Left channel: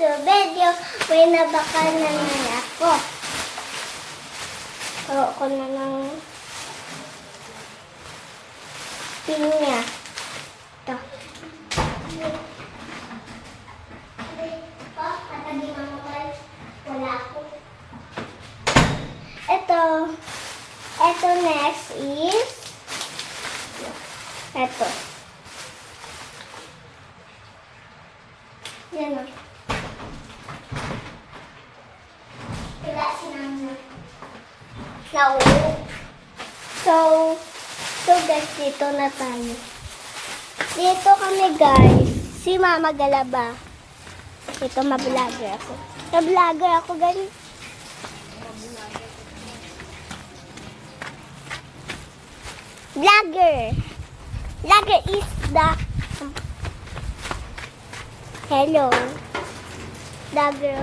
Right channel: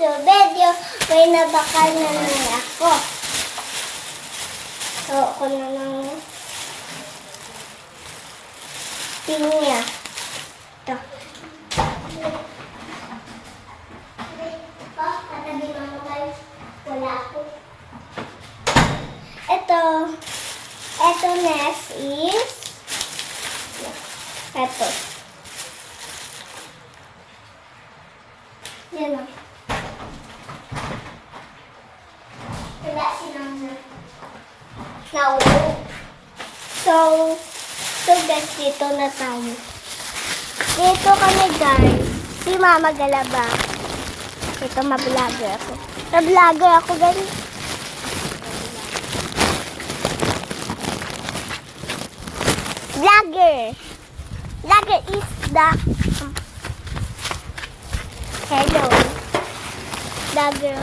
So, video, may nabakal na naman ako. So, ako na lang pinya. Ito. Wala ako. Ito next is ito. Yan o. Wala si Nana. Naulo. So guys, dito na tayo. Dito kami guys. Si Mama Galaba. Ito, ma-vlogger ako. Ma-vlogger ako guys. Vlogger. Vlogger is the... Hello. Vlogger.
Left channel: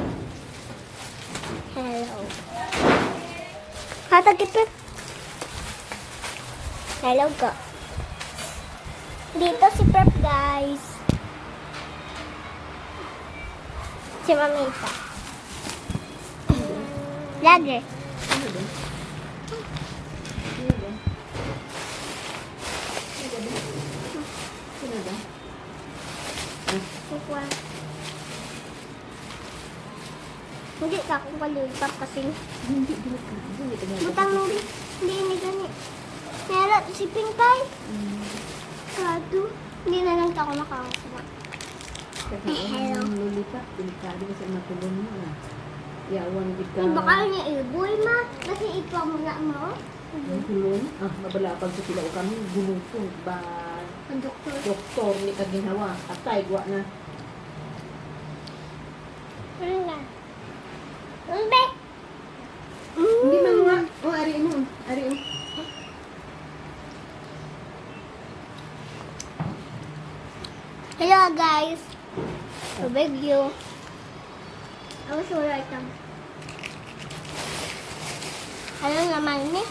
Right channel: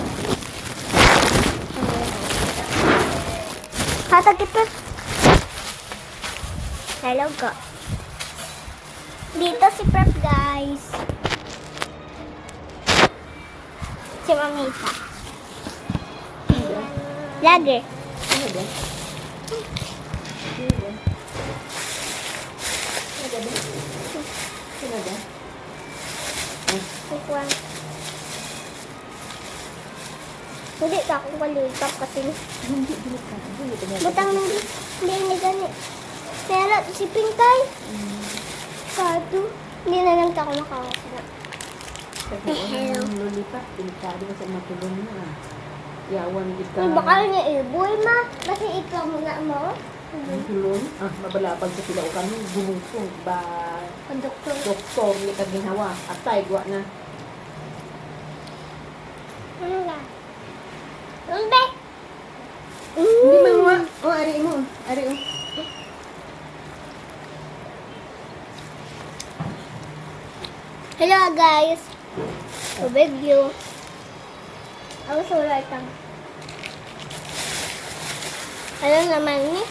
Hello. Hatagipit. Hello ka. Dito si Prep guys. Si Mamita. Vlogger. Hindi ka ako kalita kasi Hindi ka. butang hindi gani. Pero si Pinkay. Kado. Hindi na lang ako nakakasama. Kasi ang lolita, delikado ka sa matulong mo. Yawan din ka. Baka niya boy ma. Kasi ikaw muna mo. Tulong. Mabalabag sa sila o kami. Gumupong ba? Ang doktor. Doktor, ni ka ginawa. Atay, gwa na. Ano nga? Hindi. Hindi man mo. O, ari mo. Ari mo. Hello guys. So video. Ako sa wala itang. Alam naman ni.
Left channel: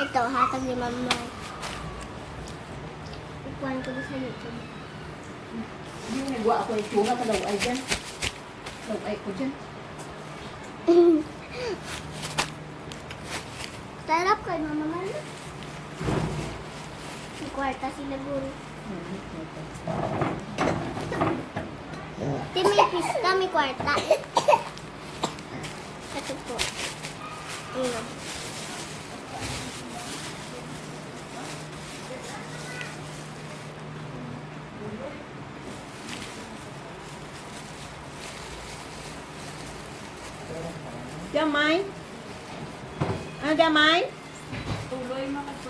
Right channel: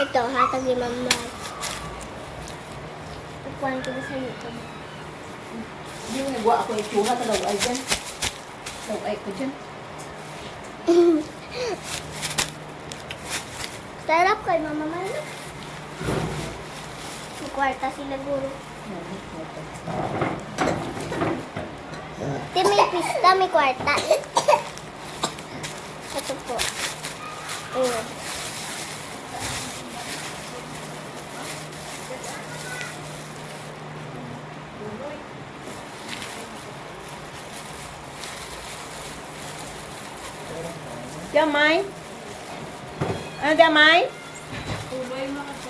Ito, hatag ni Mama. Ikuhan ko sa YouTube. Hindi mo nagwa ako itsura sa laway dyan. Laway ko dyan. Sarap kay Mama Mama. May kwarta sila guro. Di may pista, may kwarta. Ito po. Ayun. Damay? Ano damay?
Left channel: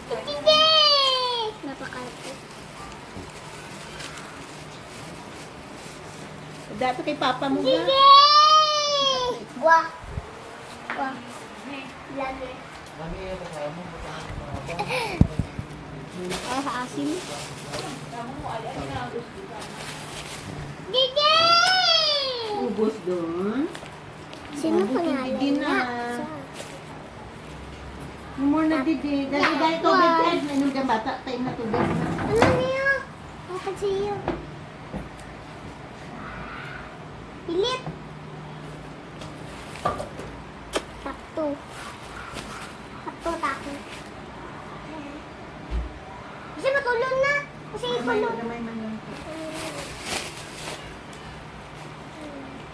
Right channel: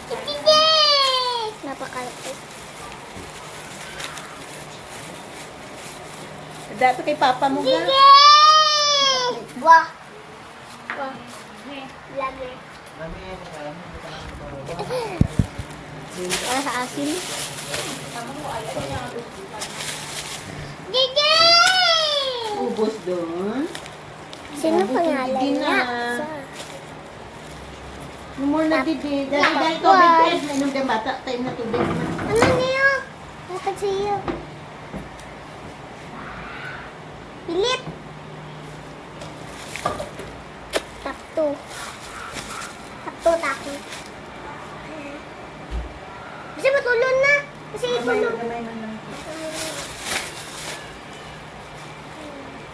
Hindi! Napakalapit. Dapat kay papa mo Hindi! ga. Wah. Wah. Vlogger. Wala sa asin. Gigi! Ubos doon. Sino pangalan Hindi niya? na. More na didi. Dahil tubig ted. Inom ka bata. Time na tubig na. Ano niya? Lakad siya. Pilit. Takto. Takto, taki. Kasi matulon na. Kasi ipulong. Gamay man lang.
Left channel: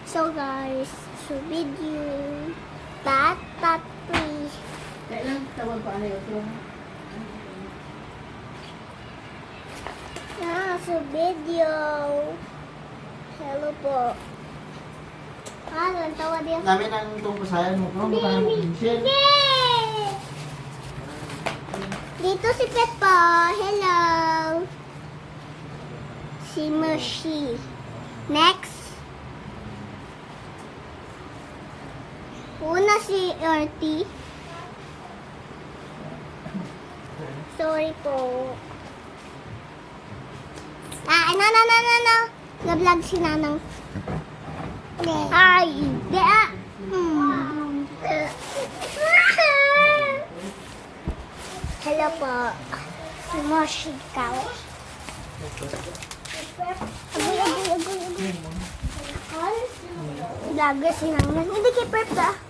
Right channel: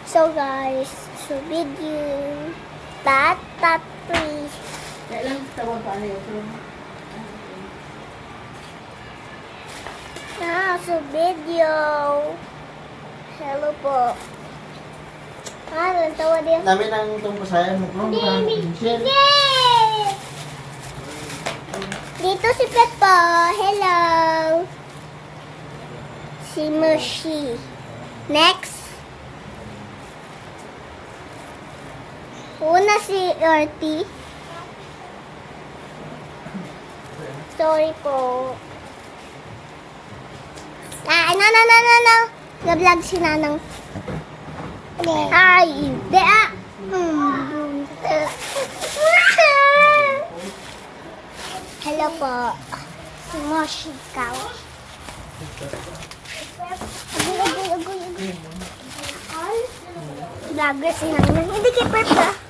So guys, so video. Tat, please. Kaya lang tawag pa ano yun. So video. Hello po. Tawa din. Namin ang itong pasayan mo. Yay! Dito si Peppa. Hello. Si Mercy. Next. Una si Artie. Sorry po. No. Nag-vlog si Nanang. Ay, hindi ah. Hello po. Si Moshi Kao. Agoy. Vlogger si Nangnan. Hindi kay Perp ah.